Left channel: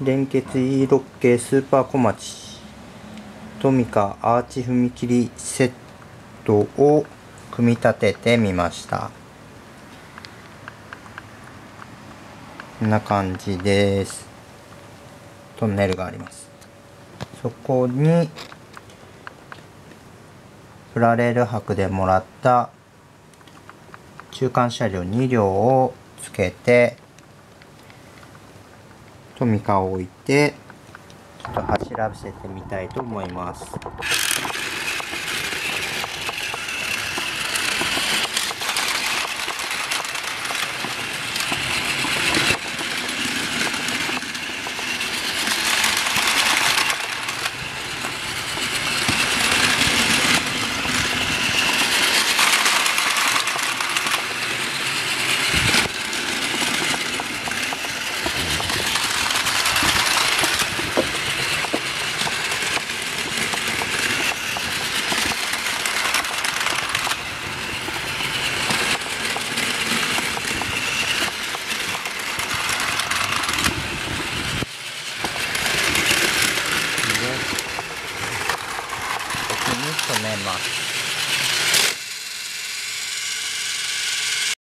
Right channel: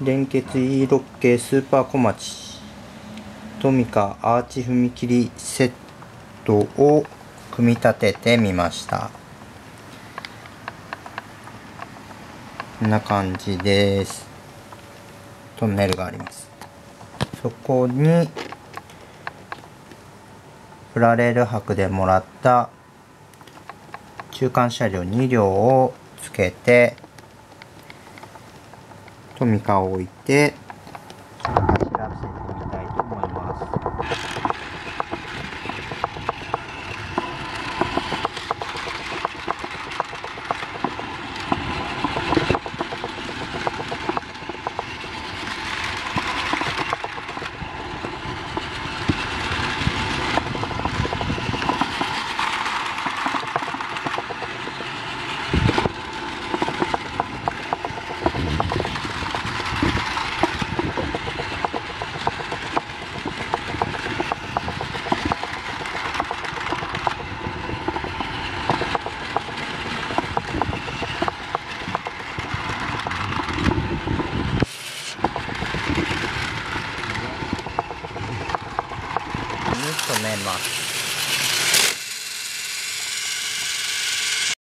連結 E6 系スーパーこまちトミカアーチ踏切セットを組み立ててみました。こんな感じです。トンネルがあります。そこにプラレール箔でもらった中間車両2両をつけてトミカを置いてちょっと走らせてみたいと思います。止めます。